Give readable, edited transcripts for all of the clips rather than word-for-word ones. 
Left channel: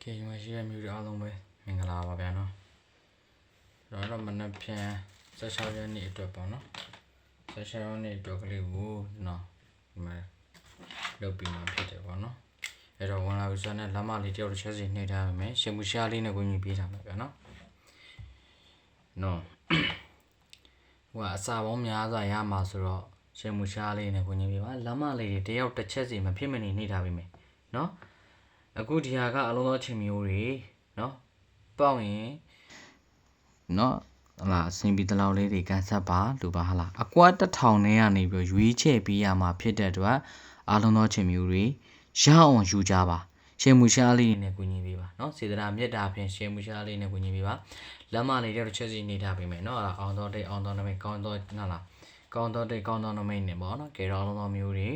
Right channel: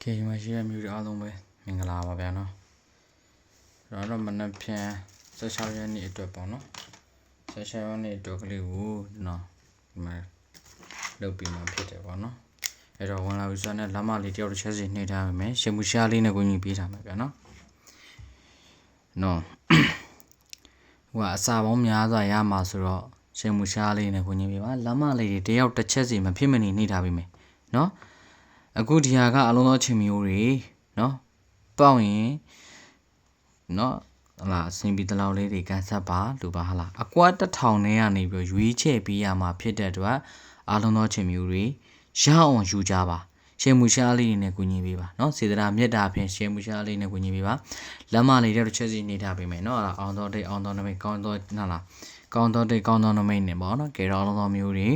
Okay ဒီမှာရှိတဲ့မျိုးတွေအားလုံးပဲမင်္ဂလာပါဗျာနော်ကျွန်တော်တို့မနက်ဖြန်16ရက်နေ့အတွက်ပေါ့နော်16ရက်နေ့အတွက်ကလေးကိုနော်ဒီမှာလုပ်ပြီးမှဖြစ်တယ်ပေါ့နော်အဲ့တော့ဝင်လာပြီဆိုတော့လက်မလေးတယောက်တစ်ချက်စီနှိပ်ထားပါမယ်ရှင်မူရှားလေးနဲ့ကိုကြီးပေးထားမှာဗျာနော်ဟိုကအစာပေါင်းများစွာရမှာဆိုတော့ရှင်မူရှားလေးနဲ့ကိုကြီးပေးပါလက်မလေးတယောက်တစ်ချက်စီမဖြစ်မနေနှိပ်ထားပေးမယ်နော်အခုဒီဟာကအလုံးသောချင်းမျိုးတွေနော်ပေါက်ရင်နော်ဟလာအစင်ပြီးတလောက်လေးတွေကန်ဆက်ပါလို့ပါဟလာအကွာ1000နဲ့ကနေပြီးရွေးချယ်ပေးရမှာဖြစ်တဲ့အတွက်အလုံးသောချင်းမျိုးတွေရအောင်ယူကြပါရှင်မူရှားလေးနဲ့ကူညီပေးပါနော်စေတနာမြတ်တာဖြင့်ရှင်မူရှားလေးနဲ့ကူညီပေးပါလက်မလေးတဲ့ချက်စီနေထားပေးမယ်နော်အောင်တော်တိတ်အောင်တော်နမိတ်ကောင်းတော်နာလားကောင်းတော်တိတ်ကောင်းတော်နမိတ်နဲ့ပေါ့နော်ကေရောအလုံးသောမျိုးတွေ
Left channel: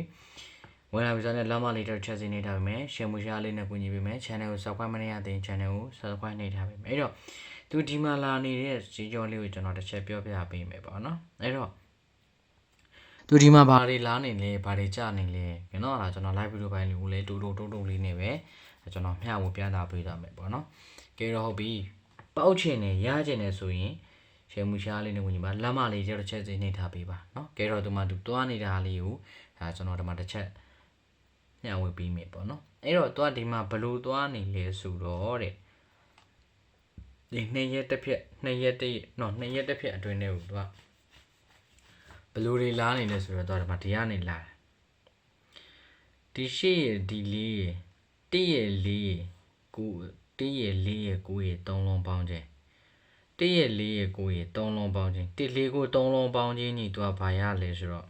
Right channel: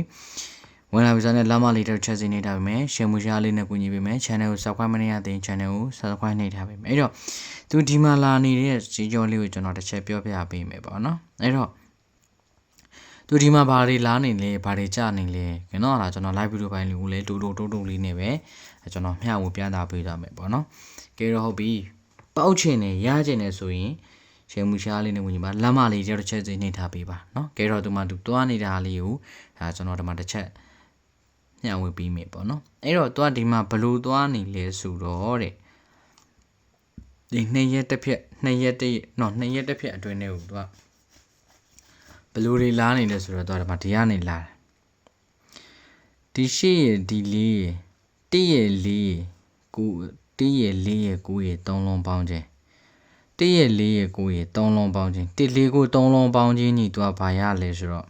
ဝင်လာပြီဆိုတော့လက်မလေးတစ်ချက်စီနေထားပေးမယ်ရှင်မူရှားလေးနဲ့ကူညီပေးမယ် channel ကို subscribe မနေရသေးရင် channel ကို subscribe နေထားပေးမယ်အဲ့တော့သူဒီမှာလာနေတဲ့ကြီးကြောလေးကိုကျွန်တော်တစ်ချက်ပြောပြပေးမယ်ပေါ့နော်အဲ့တော့သူဒီမှာဘာတွေလာနေလဲဘာတွေကြာနေလဲကျွန်တော်ကကျွန်တော် live video ပိုင်းလေးကိုလည်းတိုးလေးနဲ့ပဲကျွန်တော်မျှဝေပြသပေးသွားမယ်ပေါ့နော်ကဲတော့ဟုတ်ပြီပေါက်ချင်နေရချင်နေဆိုရင်ရှင်မူရှားလေးနဲ့ဝင်ညီပါလက်မလေးတစ်ချက်စီနေထားပေးပါနော်ကဲတော့သူမှသူတွားနေတာလေးကိုဒါကျွန်တော်ဒီမှာတစ်ချက်ညှဝေပြီးမယ်ပေါ့နော်အဲ့တော့သူကဒီမှာဘလို့သွားနေလဲဆိုတော့တဲ့ဒီ2ရက်တစ်ဖြက်2ရက်တစ်ဖြက်အတွင်းထဲကိုသူကဘလို့တွေလာနေလဲဆိုတော့သူကဒီမှာဒီကနေလာတယ်ဒီရှေ့ရဒီလေးရ1ရက်4ရက်9 1ရက်4ရက်9ရက်3လုံးပေါင်းခြင်း1ရက်4ရက်9ရက်3လုံးပေါင်းခြင်း1 4ကို3လုံးပေါင်းခြင်းညီသူကဘာရလဲဆိုတော့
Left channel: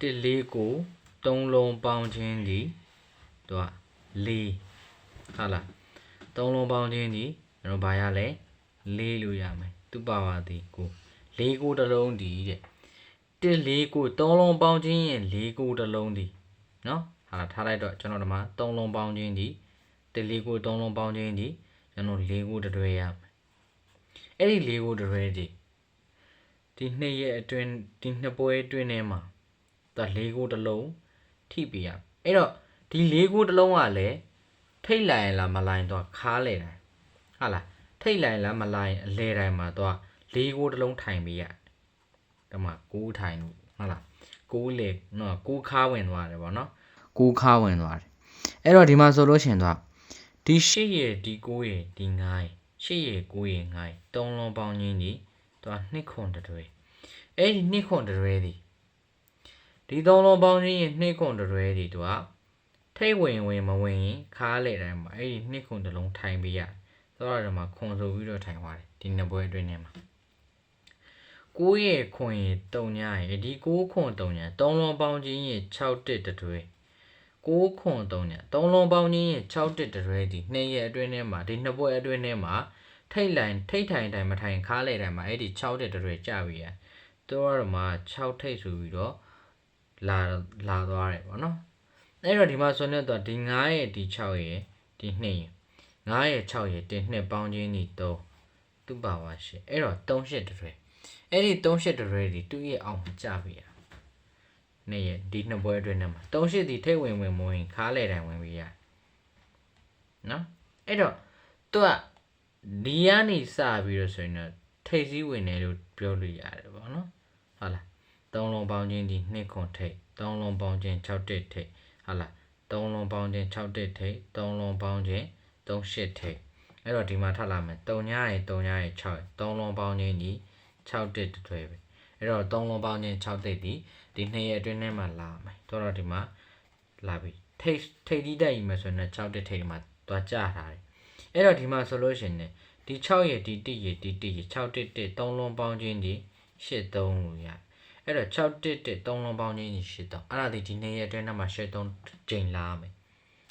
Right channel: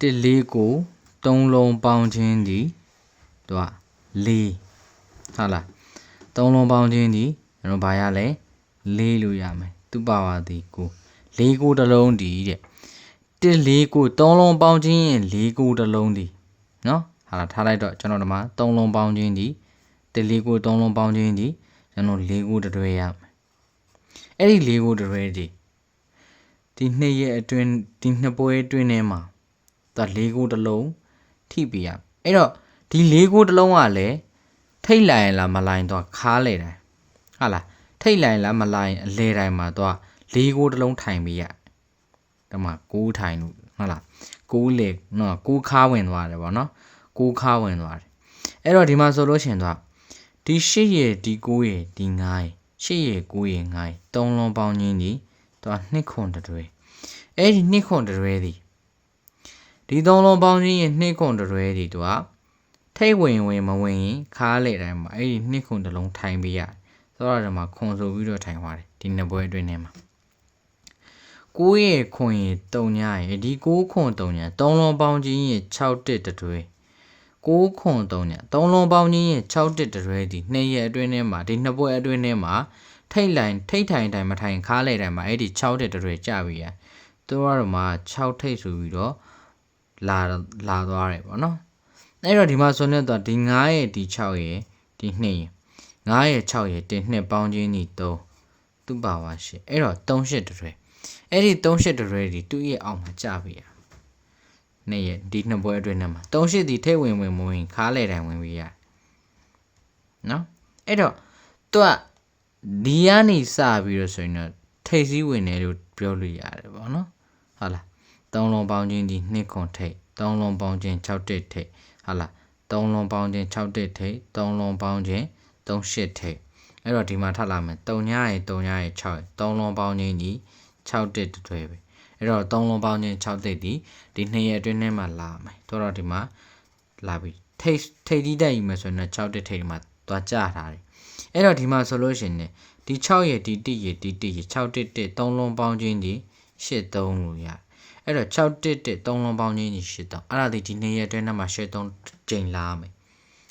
1 4ကို3လုံးပေါင်းခြင်းဒီသူက4ဟုတ်လား3လုံးပေါင်းခြင်းဒီကျွန်တော်ဘာရလဲ4လို့ရမယ်သူပါဝါဒီကို4ကိုတစ်လုံးဒီတဲ့1 4ကို3လုံးပေါင်းခြင်းရင်4ကိုတစ်လုံးဒီနော်ဟာလားထားလိုက်တော့ကျွန်တော်ဒီမှာ3လုံးပေါင်းခြင်းဒီ1 4ကို3လုံးပေါင်းခြင်းဒီကျွန်တော်4ကိုတွဲရမယ်အဲ့ဒီ4ကိုတွဲဒီ2ရက်အတွင်းဒီ2ပွဲအတွင်းထဲမှာသူက4ကိုတစ်လုံးထိပြရအဲ့တော့ဒီ4ကိုတစ်လုံးကလည်းထိတ်လိုက်လားမလိုက်တော့ခါလေတယ်ဟာလားထိတ်လိုက်လားမလိုက်အလဲတိုင်းမှာတော့4ကိုတစ်လုံးထိုင်ပြရဒီမှာ6ထိုင်လို့ဟုတ်လား6လေနော်6ခါဝင်သွားတယ်ဗောနော်6ခါဝင်သွားတယ်အဲ့တော့ဒီမှာဆိုလို့ရှင်တော့ဒီ8ရဲ့ဒီ9ရဲ့ဒီ9ရဲ့8ရဲ့9ရဲ့9ရဲ့3လုံးပေါင်းခြင်းဒီတော့2ခွန်တွဲအဲ့ဒီ2ခွန်တွဲဒီဒီ3လုံးပေါင်းခြင်းရဲ့2ခွန်တွဲဒီတော့ထိတ်ဝင်မဝင်ရင်ခါလေတိုင်းမှာအဲ့ဒီ2ခွန်တစ်လုံးထိုင်ပြရဆိုတော့ဒီမှာခွန်ဆိုပြီးတော့ထိုင်သွားတယ်ဒီနှစ်ပွဲအတွင်းထဲမှာ9ရဲ့ခွန်ရဲ့3ညရဲ့ဒီ9ခွန်3ည3လုံးပေါင်းခြင်းရဲ့6တက်တွဲ9ခွန်3ည3လုံးပေါင်းခြင်းရဲ့6တက်တွဲဒီ2ရက်အတွင်းထဲမှာဒီနှစ်ပွဲအတွင်းထဲမှာထိတ်ထိုင်တိုင်းမထိုင်ခါလေတိုင်းမှာအဲ့ဒီ6တက်တွဲကြပြီရသူကတော့မှ6ထိတ်ဆိုပြီးတော့လာသွားတယ်ပေါ့နော်အဲ့တော့ဒီမှာဆိုနေတော့ဒီ9ရဲ့ဒီ6ရဲ့ဒီ2ရဲ့9ရဲ့6ရဲ့ဒီ2ပေါင်းခြင်းဒီ3သူ့ပါဝါရှိအဲ့တော့38တွဲအဲ့ဒီ38တွဲဒီသူ့ရဲ့အောက်မှာကြပြီရ2ရဲ့ဒီနှစ်ပွဲအတွင်းထဲမှာ38ဒီထိတ်ဝင်မဝင်ခါလေတိုင်းဝင်ပြီးရနော်အဲ့တော့သူကဒီကနေစပြီးတော့ဆိုရင်တော့ထိတ်စည်းဝင်တယ်လို့ပြောလို့ရတယ်ပေါ့နော်ဟုတ်လား3လုံးပေါင်းခြင်းဒီ2ခွန်ထိတ်3လုံးပေါင်းခြင်း6တက်ထိတ်ဟာလား3လုံးပေါင်းခြင်း6တက်ထိတ်3လုံးပေါင်းခြင်း38ထိတ်အဲ့တော့ဒီမှာထပ်လာမယ်3ညရဲ့6ရဲ့3လုံးပေါင်းခြင်းကြီး6တက်တွဲပဲအဲ့တော့3လုံးပေါင်းခြင်း6တက်ဒီ2ရက်အတွင်းထဲမှာလာမယ်တော့ဒီမှာလာပြီထိတ်တီးတက်ယူမယ်ဆိုရင်6တက်ထိတ်ဒီမှာသွားကြထားတယ်အဲ့တော့ဒီမှာဆိုလို့ရှိရင်ဒီ6ရဲ့ဒီ1ရဲ့ဒီ1ရဲ့6တက်တက်3လုံးပေါင်းခြင်းဒီ83လို့ရအဲ့တော့6တက်တက်3လုံးပေါင်းခြင်းကြီး83အဲ့ဒါဒီ2ရက်အတွင်းထဲမှာ83ကျိန်လာမယ်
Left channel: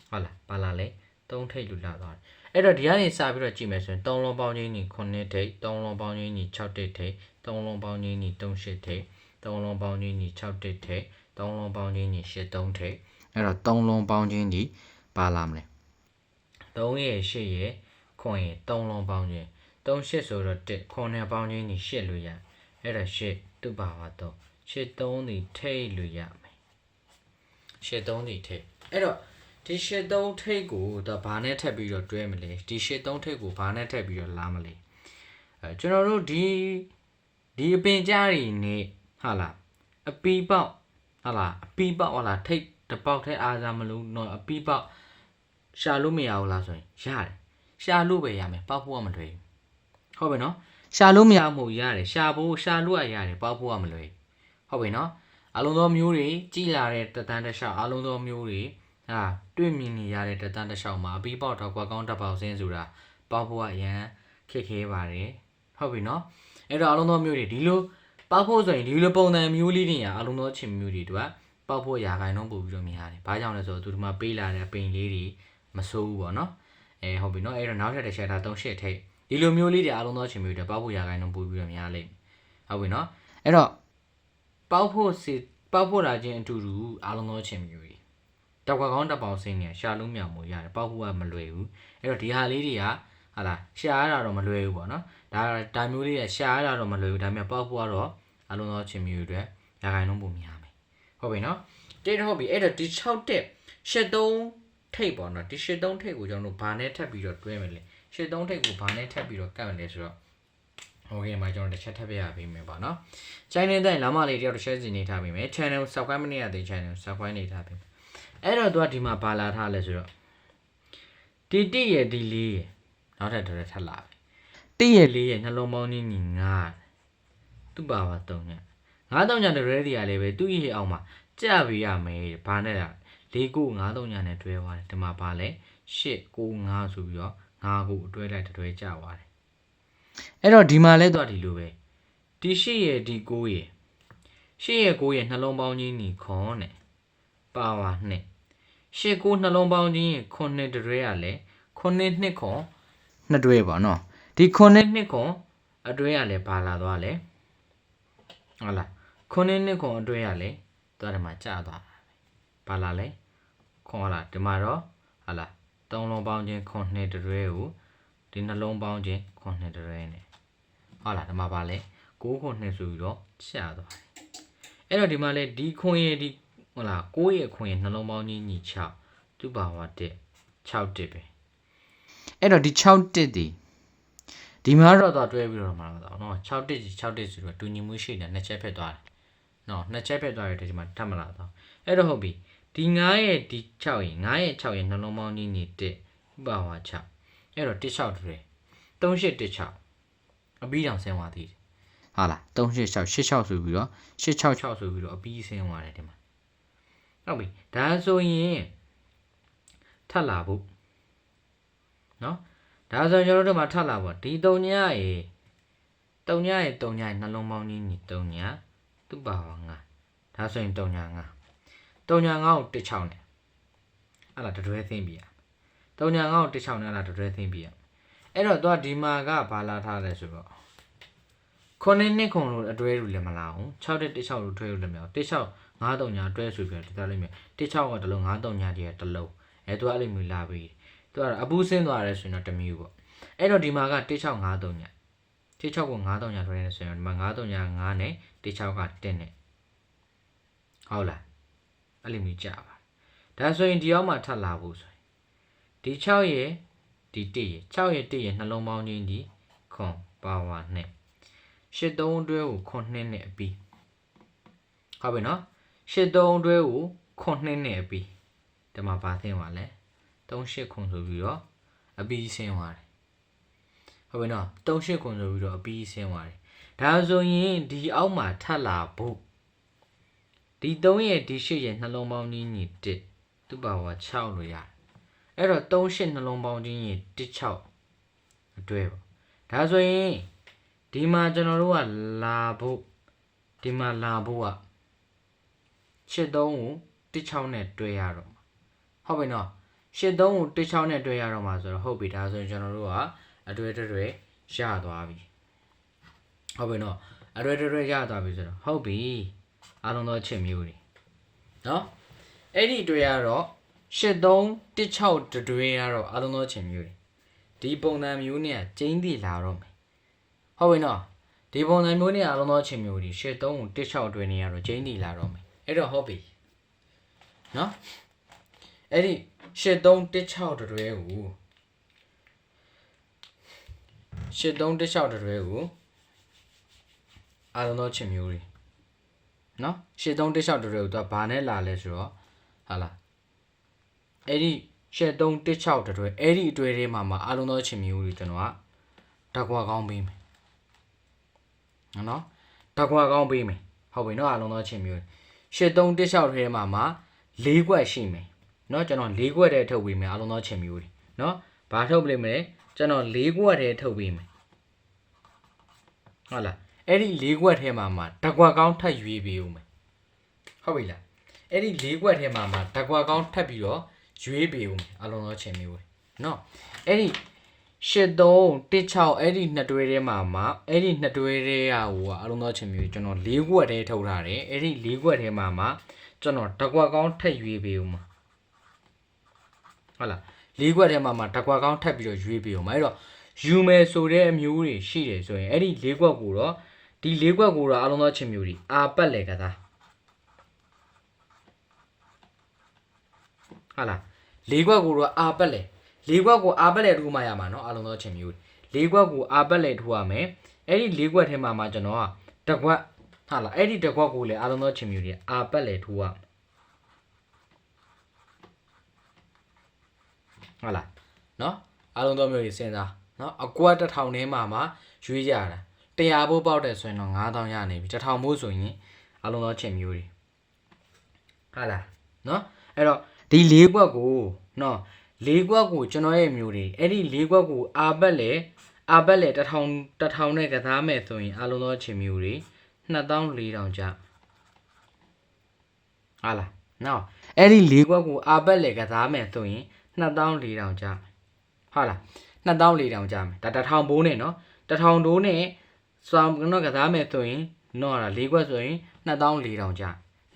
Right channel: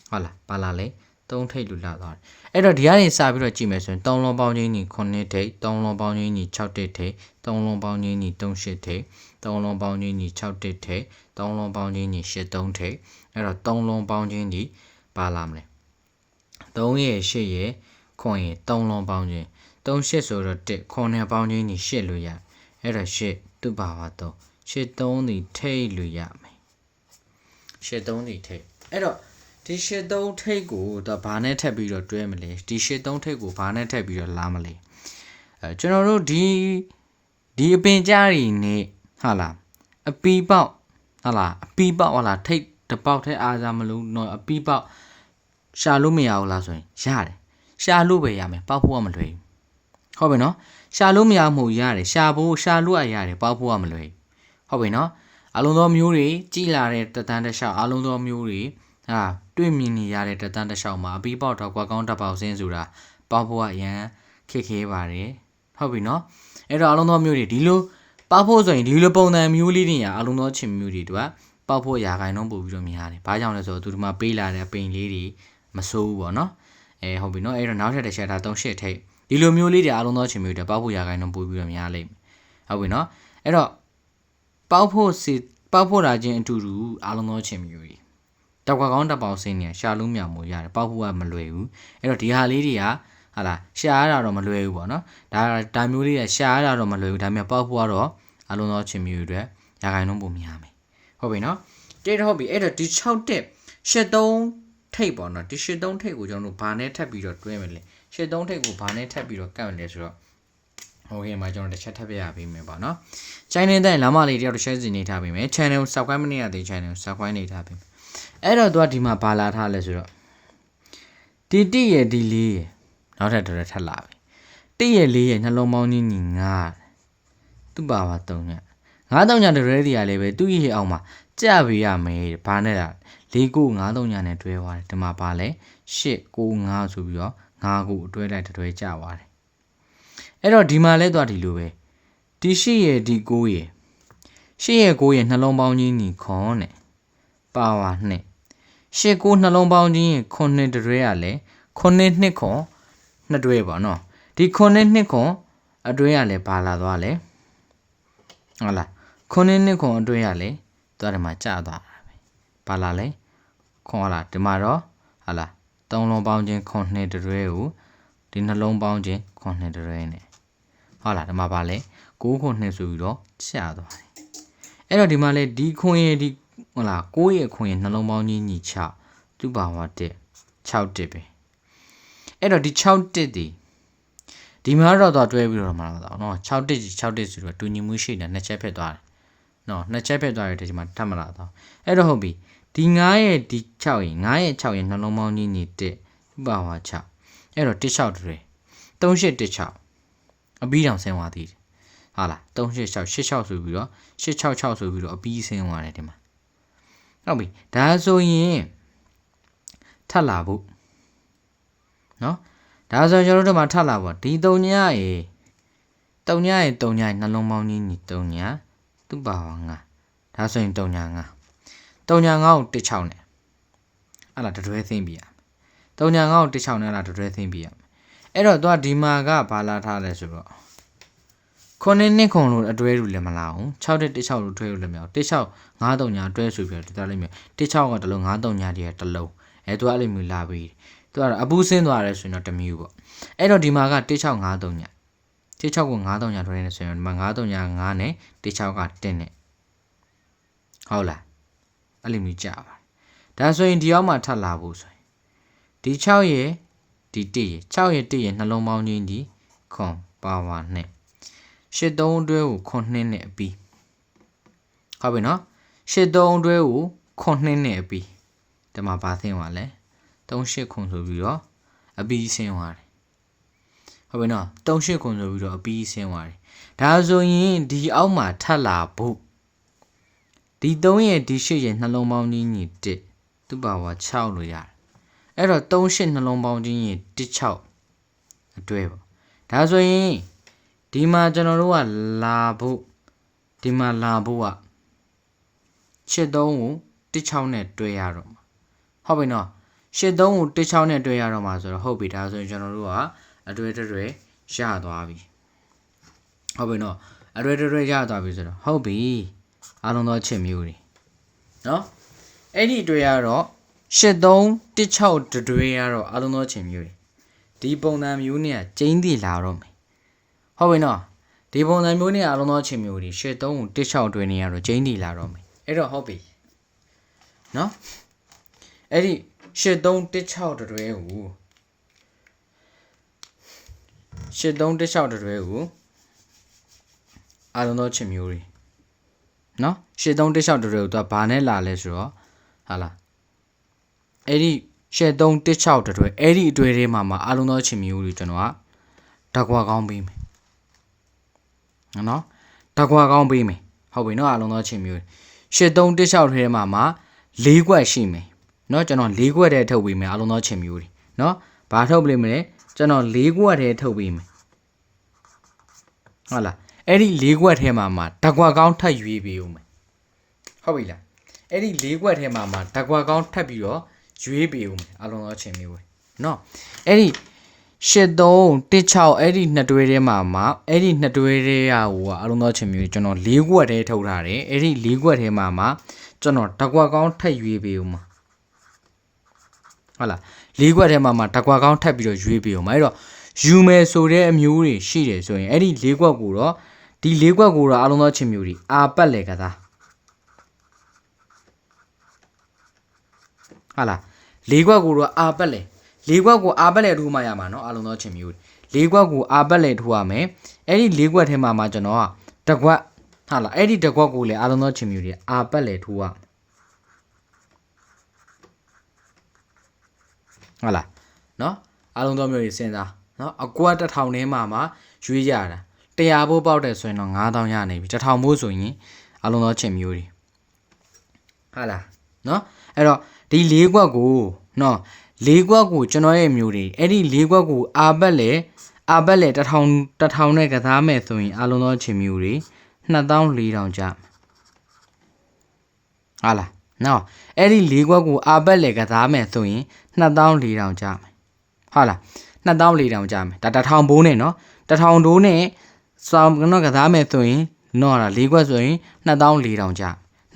ဟုတ်လားပါလာလေ3ထိတ်လူလာသွားတယ်အဲ့တော့ဒီကနေစပြီးတော့ကြည့်မယ်ဆိုရင်3လုံးပေါင်းခြင်းကြီး9ထိတ်3လုံးပေါင်းခြင်းကြီး6တက်ထိတ်3လုံးပေါင်းခြင်းကြီး38ထိတ်3လုံးပေါင်းခြင်းကြီး6တက်ထိတ်3လုံးပေါင်းခြင်းကြီး83ထိတ်အဲ့တော့3လုံးပေါင်းခြင်းကြီးပါလာမလဲ3ရဲ့8ရဲ့9ရဲ့3လုံးပေါင်းခြင်း38ဆိုတော့1 9ပေါင်းခြင်းကြီး8လို့ရအဲ့တော့8သူ့ပါပါတော့83ဒီထိတ်လို့ရမယ်83ဒီထိတ်အဲ့တော့ ဒီရှစ်သုံးထိတ်ကိုတော့ဘာနဲ့ထပ်ပြီးတော့တွဲမလဲဒီရှစ်သုံးထိတ်ကိုဘာနဲ့ထပ်ပြီးတော့လာမလဲကျွန်တော်တို့ဒီအပင်ကြားတွေနဲ့ဟာလားအပီပေါက်ဟာလားအပီပေါက်ဟာလားထိတ်တစ်ပေါက်ထဲအားစားမလို့တော့အပီပေါက်ရှာလို့မရဘူးလားဆိုရင်ရတယ်ရှာလို့ပဲရမယ်ပေါက်ဖို့ကမလွယ်ဘူးဟုတ်ပြီနော်ရှာလို့မရမှုရတယ်ရှာလို့ရတယ်ပေါက်ဖို့ကမလွယ်ဘူးဟုတ်ပြီနော်အလုံးသောမျိုးတွေကြီးလာတဲ့တတန်းတစ်လျှောက်အလုံးသောမျိုးတွေတွေ့မြင်နေရတဲ့တတန်းတစ်လျှောက်မှာအပီပေါက်တော့ကွာကောင်းတစ်ပေါက်စင်းဆိုတာပေါက်ဖို့ကအရန်ခက်ခဲပါတယ်ဟုတ်ပြီနော်အဲ့တော့အလုံးသောမျိုးတွေဒီလိုပေါက်ဖို့ဆိုရင်ဒီလိုပုံစံမျိုးလေးတွေကအလုံးသောချင်မျိုးတွေတို့ကပေါက်ဖို့ရာခိုင်နှုန်းပို့ပြီးတော့များတယ်ဘာကြောင့်လဲဆိုတော့သူတို့မှပေးလာတဲ့ပိန်လေးတွေမစိုးဘူးပေါ့နော်ဟုတ်ပြီနော်အဲ့တော့နောက်ထပ်တစ်ချက်ဒါ38ထိပ်ဒီလိုမျိုးလေးတွေအလုံးသောချင်မျိုးတွေပေါက်ဖို့ရာခိုင်နှုန်းပို့ပြီးတော့များလိမ့်မယ်ဟုတ်ပြီနော်အဲ့တော့ပေါက်ဖို့တာချင်းအတူတူအလုံးသောချင်မျိုးတွေတောက်ကကောင်းတစ်ပေါက်စင်းနေရှာလုံးမြောင်မှုရတယ်ပေါက်ဖို့ကမလွယ်ဘူးအဲ့တော့ဒီဟာလေးတွေကဟာလားရှာရတာတော့မလွယ်ဘူးပေါ့နော်ဒါမျိုးလေးကရှာရတာတော့မလွယ်ဘူးဒါပေမဲ့ပေါက်ဖို့ကတော့အလုံးသောချင်မျိုးတွေရာခိုင်နှုန်းပိုများမယ်ဟုတ်ပြီနော်တိတ်ဟုတ်ပြီအဲ့တော့ဒီ6တက်73ထိပ်ပေါ့နော်ဒီ73ထိပ်ကိုကျွန်တော်တို့ဘာနဲ့ထပ်ပြီးတော့တွဲမလဲ73ထိပ်ကိုဘာနဲ့ထပ်ပြီးတော့ကတ်မလဲဆိုတော့โอเคမှာကျွန်တော်တစ်ချက်ထပ်ပြရပေးမယ်ပေါ့နော် channel တိုင်းလမ်းမလေးတယောက်တစ်ချက်စီနေထားပေးမယ် channel ကို subscribe မနေရသေး channel ကို subscribe နေထားပေးမယ်အဲ့တော့သူကဒီမှာဘာလာထားလဲဆိုတော့ဒီ1ရဲ့ဒီ4ရဲ့နောက်ထပ်တော်ထပ်လာပြီ1ရဲ့4ရဲ့နှလုံးပေါင်းကြီးညီ9သူ့ပါပါ3ည9 3ညတရဲဒီရလေးပဲသူ့ရဲ့အောင်မှာကြပေးရမယ်ဘာနဲ့လဲ4 9 3ညနဲ့တွဲသွားတယ်ဒီမှာဘာလဲ8 9 5ဆိုပြီးတော့9ခုအတွဲလိုက်တွဲကြသွားတယ်အဲ့တော့ဒီမှာလဲသွားဒီလိုပဲဒီ8ရဲ့ဒီ9ရဲ့8ရဲ့9ရဲ့နှလုံးပေါင်းကြီးညီခွန်နဲ့ပါဝါ2 8 9နှလုံးပေါင်းကြီးရင်9တတွဲရလဲ9 2ခွန်2တွဲပေါ့နော်ဒီ9 2ခွန်အတွဲရလဲဘာလာသွားလဲဟုတ်လား9 2ခွန်အတွဲရလဲသွားတယ်မှာကြာသွားတာပဲဘာလာလဲခွန်ဟုတ်လားဒီမှာတော့ဟုတ်လား3လုံးပေါင်းချင်း9 2တွဲကိုဒီနှလုံးပေါင်းချင်း9 2တွဲနဲ့ဟုတ်လားဒီမှာဘာလဲ9ခွန်2ဆိုပြီးတော့ကြာသွားတယ်အဲ့တော့ဒီမှာလဲဒီခွန်ရဲ့ဒီဟုတ်လား9ရဲ့ခွန်ရဲ့နှလုံးပေါင်းချင်းညီ6သူ့ပါဝါ1 6တက်ပဲအဲ့တော့ဒီ6တက်ဒီမှာတော့တွဲပြီးတော့မှာတော့เนาะ6တက်6တက်ဆိုတော့တူညီမှုရှိတယ်နှစ်ချက်ဖြစ်သွားတယ်เนาะနှစ်ချက်ဖြစ်သွားရတဲ့ဒီမှာထပ်မလာတော့အဲ့တော့ဟုတ်ပြီဒီ9ရဲ့ဒီ6ရဲ့9ရဲ့6ရဲ့နှလုံးပေါင်းကြီးညီ1သူ့ပါဝါ6အဲ့တော့16တွဲ3816အပြီးတောင်ဆင်းသွားသေးတယ်ဟာလား38686ဆိုပြီးတော့866ဆိုပြီးတော့အပြီးဆင်းသွားတယ်ဒီမှာဟုတ်ပြီဒါဆိုရင်ထပ်လာဖို့နော်ဒါဆိုကျွန်တော်တို့မှာထပ်လာဖို့ဒီ3ညရဲ့3ညရဲ့3ညရဲ့နှလုံးပေါင်းကြီးညီ3ညသူ့ပါဝါ9ဒါဆိုရင်3ည9 3ည9ကို16နဲ့အဲ့လားတွဲသိမ့်ပြရ3ည9ကို16နဲ့အဲ့လားတွဲသိမ့်ပြရအဲ့တော့သူကဒီမှာကဘာလာထားလဲဆိုတော့9 2ခွန်လို့အတွဲလို့လည်းမလာဘူး6 16လို့တွဲလို့လည်းမရဘူး16 9 3ညတွဲဆိုပြီးတော့ဒီသားလေးမျိုး16ကတလုံး9 3ညတည်းတလုံးသူကအဲ့လိုမျိုးလာပြီးသူကတော့အပူးဆင်းသွားတယ်ဆိုရင်တော့တမျိုးပေါ့အဲ့တော့ဒီမှာက16 9 3ည16ကို9 3ညတွဲနေဆိုရင်ဒီမှာ9 3ည9နဲ့16က1နဲ့ဟုတ်လားအဲ့လိုမျိုးကြာပါဒါဆိုရင်ဒီအောက်မှာထပ်လာဖို့ဆိုရင်ဒီ6ရဲ့ဒီ1ရဲ့6ရဲ့1ရဲ့နှလုံးပေါင်းချင်းဒီခွန်ပါဝါနဲ့8 3တွဲကိုခွန်2နဲ့အပြီးဟုတ်ပြီနော်8 3တွဲကိုခွန်2နဲ့အပြီးဒီမှာဘာသိသွားလဲ38ခွန်ဆိုပြီးတော့အပြီးဆင်းသွားတယ်ဟုတ်ပြီနော်38ခွန်ဆိုပြီးတော့အပြီးဆင်းသွားတယ်ဒါဆိုရင်ဒီအောက်မှာထပ်လာဖို့ဒီ3ရဲ့ဒီ8ရဲ့နှလုံးပေါင်းကြီးညီ1သူ့ပါဝါ6လို့ရတယ်အဲ့တော့38နှလုံးပေါင်းကြီးညီ16အတွဲပေါ့ဒါဆိုရင်ဒီမှာကျွန်တော်တို့ကလာဖို့ဒီမှာလာဖို့က83ကို16နဲ့တွဲရတော့မှာဟုတ်ပြီနော်83ကို16နဲ့တွဲရတော့မှာဆိုတော့ဟုတ်ပြီဒါဆိုရင်ကျွန်တော်တို့ကအတွဲတွဲရသွားပြီဟုတ်ပြီနော်အတွဲတွဲရသွားပြီဆိုတော့ဟုတ်ပြီအားလုံးသောချစ်မျိုးတွေနော်အဲ့ဒီတွဲရတော့83 16တွဲရတော့အားလုံးသောချစ်မျိုးတွေဒီပုံစံမျိုးနဲ့ကျင်းတည်လာတော့မယ်ဟုတ်ပြီနော်ဒီပုံစံမျိုးနဲ့အားလုံးသောချစ်မျိုးတွေ83ကို16တွဲနေရတော့ကျင်းတည်လာတော့မယ်အဲ့တော့ဟုတ်ပြီနော်အဲ့ဒီ 8316တွဲကို8316တွဲကိုအားလုံးသောချစ်မျိုးတွေနော်8316တွဲကိုသူကဘာနဲ့လာလဲဆိုတော့ဟာလားအဲ့ဒီ8316တွဲအဲ့ဒီအတွဲထဲမှာအားလုံးသောချစ်မျိုးတွေကျွန်တော်ကဓာတ်ကွာကောင်းပေးမယ်နော်ဓာတ်ကွာကောင်းပေးမယ်ဟုတ်ပြီနော်အားလုံးသောချစ်မျိုး8316ထဲမှာ၄ခွက်ရှိမယ်နော်ကျွန်တော်၄ခွက်တည်းထုတ်ပေးမယ်အားလုံးသောချစ်မျိုးတွေနော်ဘာထုတ်ပေးမလဲကျွန်တော်၄ခွက်တည်းထုတ်ပေးမယ်ဟုတ်လားအဲ့ဒီ၄ခွက်ထဲမှာဓာတ်ကွာကောင်းထပ်ရွေးပေးဦးမယ်ဟုတ်ပြီလားအဲ့ဒီ၄ခွက်ထဲမှာဓာတ်ကွာကောင်းထပ်ပြီးတော့ရွေးပေးဦးမယ်အားလုံးသောချစ်မျိုးတွေနော်အဲ့ဒီ8316အဲ့ဒီနှစ်တွဲထဲမှာအဲ့ဒီနှစ်တွဲထဲကဟိုအားလုံးသောချစ်မျိုးကျွန်တော်၄ခွက်တည်းထုတ်ထားတယ်အဲ့ဒီ၄ခွက်ထဲမှာကျွန်တော်ဓာတ်ကွာကောင်းထပ်ရွေးပေးဦးမှာဟုတ်လား၄ခွက်ထဲမှာဓာတ်ကွာကောင်းထပ်ပြီးတော့ရွေးပေးဦးမှာအဲ့တော့ယူမယ်ဆိုတဲ့အမျိုးတွေရှိတယ်ဆိုရင်အဲ့ဒီ၄ခွက်ကိုတော့ဒီ၄ခွက်ကိုတော့အားလုံးသောချစ်မျိုးတွေအာပတ်လေကစားဟုတ်လား၄ခွက်ကိုတော့အာပတ်လေ၄ခွက်ကိုအာပတ်လေထိုးမှရမှာနော်အားလုံးသောချစ်မျိုးတွေ၄ခွက်ကိုအာပတ်လေထိုးရမယ်အဲ့ဒီ၄ခွက်ထဲမှာကျွန်တော်ကတစ်ခွက်ဟုတ်လားအဲ့ဒီတစ်ခွက်ကိုလည်းအားလုံးသောချစ်မျိုးတွေအာပတ်လေထိုးရဟုတ်လားနော်အားလုံးသောမျိုးတွေစဉ်းစားနော်အကွက်1000ထဲမှာရွေးရတာ100ဘိုးပေါက်တယ်ဆိုရင်တော့9000ရနေပြီ1000ဘိုးဆိုရင်အားလုံးသောချစ်မျိုးတွေဟုတ်လားနော်အဲ့တော့ဒီ၄ခွက်ကိုနော်၄ခွက်ကိုကျွန်တော်ရဲ့မျိုးတွေအဲ့ဒီ၄ခွက်ကိုအာပတ်လေ1000နဲ့ကစားမယ်ဆိုရင်အားလုံးသောချစ်မျိုးတွေ2400ကျဟုတ်လားနော်အဲ့ဒီ၄ခွက်ကိုအာပတ်လေကစားမယ်ဆိုရင်2400ကျမယ်ဟုတ်လား2400ကျမယ်ဒါ1000ဘိုးနဲ့နော်1000ဒိုးနဲ့စောင်းကတော့ကစားမယ်ဆိုရင်နော်ဒါ၄ခွက်ဆိုရင်2400ကျ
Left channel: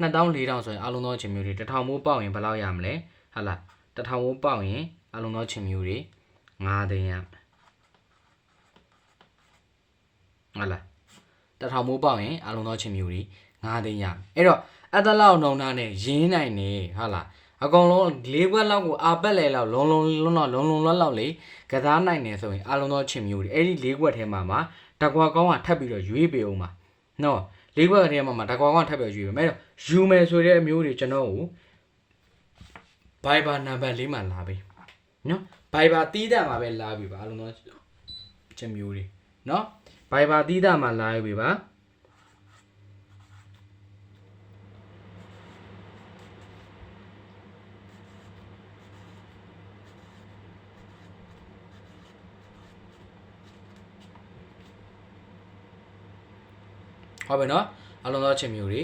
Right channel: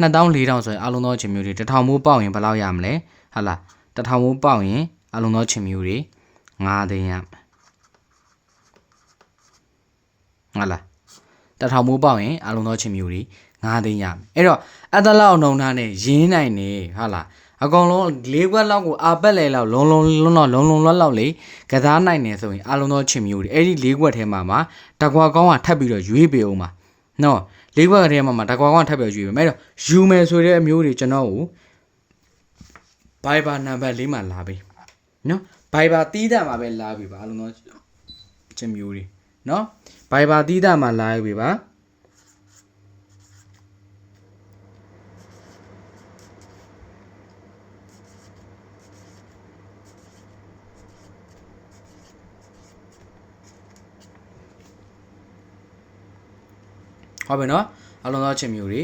2400ဆိုရင်အားလုံးသောချစ်မျိုးတွေ1000ဘိုးပေါက်ရင်ဘယ်လောက်ရမလဲဟုတ်လား1000ဘိုးပေါက်ရင်အားလုံးသောချစ်မျိုးတွေ9သိန်းရဟုတ်လား1000ဘိုးပေါက်ရင်အားလုံးသောချစ်မျိုးတွေ9သိန်းရအဲ့တော့အတလောက်နှုံသားနဲ့ရင်းနိုင်နေဟုတ်လားအကောင်လုံး၄ခွက်လောက်ကိုအာပတ်လေလောက်လုံးလောက်လေကစားနိုင်နေဆိုရင်အားလုံးသောချစ်မျိုးတွေအဲ့ဒီ၄ခွက်ထဲမှာဓာတ်ကွာကောင်းကထပ်ပြီးတော့ရွေးပေးအောင်ပါနော်၄ခွက်ထဲမှာဓာတ်ကွာကောင်းထပ်ပြီးရွေးပေးမယ်အဲ့တော့ယူမယ်ဆိုတဲ့အမျိုးတွေကျွန်တော်ကို Viber နံပါတ်လေးမှာလာပေးနော် Viber တီးတာမှာပဲလာပေးပါအားလုံးသောချစ်မျိုးတွေနော် Viber တီးတာမှာလာပေးပါဟုတ်ပြီနော်အားလုံးသောချစ်မျိုးတွေ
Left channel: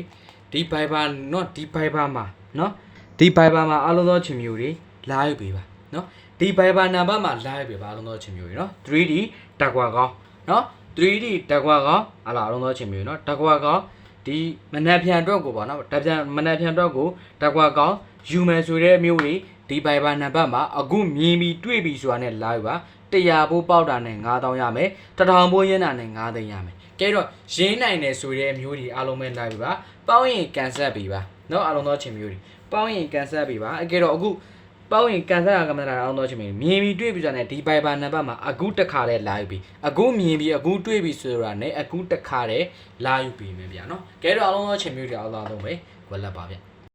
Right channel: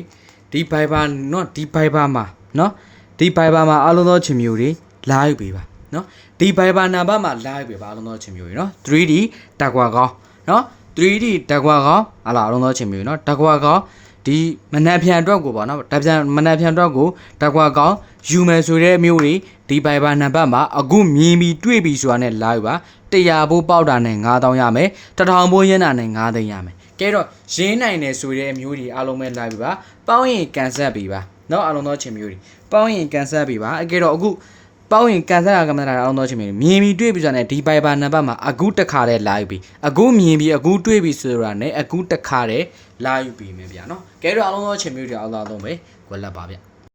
ဒီ Viber နော်ဒီ Viber မှာနော်ဒီ Viber မှာအားလုံးသောချစ်မျိုးတွေလာယူပေးပါနော်ဒီ Viber နံပါတ်မှာလာယူပေးပါအားလုံးသောချစ်မျိုးတွေနော် 3D ဓာတ်ကွာကောင်းနော် 3D ဓာတ်ကွာကောင်းအားလုံးသောချစ်မျိုးတွေနော်ဓာတ်ကွာကောင်းဒီမနက်ဖြန်အတွက်ကိုပေါ့နော်မနက်ဖြန်အတွက်ကိုဓာတ်ကွာကောင်းယူမယ်ဆိုတဲ့မျိုးတွေဒီ Viber နံပါတ်မှာအခုမြင်ပြီးတွေ့ပြီးဆိုတာနဲ့လာယူပါ100ဘိုးပေါက်တာနဲ့9000ရမယ်1000ဘိုးရင်းတာနဲ့9သိန်းရမယ်ကဲတော့ရင်းနိုင်တယ်ဆိုတဲ့အမျိုးတွေအားလုံးပဲလာပြီပါပေါင်းရင်ကန်ဆက်ပြီပါเนาะအားလုံးသောချင်မျိုးတွေပေါင်းရင်ကန်ဆက်ပြီပါအကဲတော့အခုပေါင်းရင်ကန်ဆက်ကကမ္ဘာအားလုံးသောချင်မျိုးတွေမြင်ပြီးတွေ့ပြီးဆိုတာနဲ့ဒီ Viber နံပါတ်မှာအခုတစ်ခါတည်းလာယူပြီအခုမြင်ပြီးအခုတွေ့ပြီးဆိုတာနဲ့အခုတစ်ခါတည်းလာယူပြီမယ်ဗျာเนาะကဲတော့အားလုံးသောချင်မျိုးတွေအားလုံးပဲဝက်လက်ပါဗျ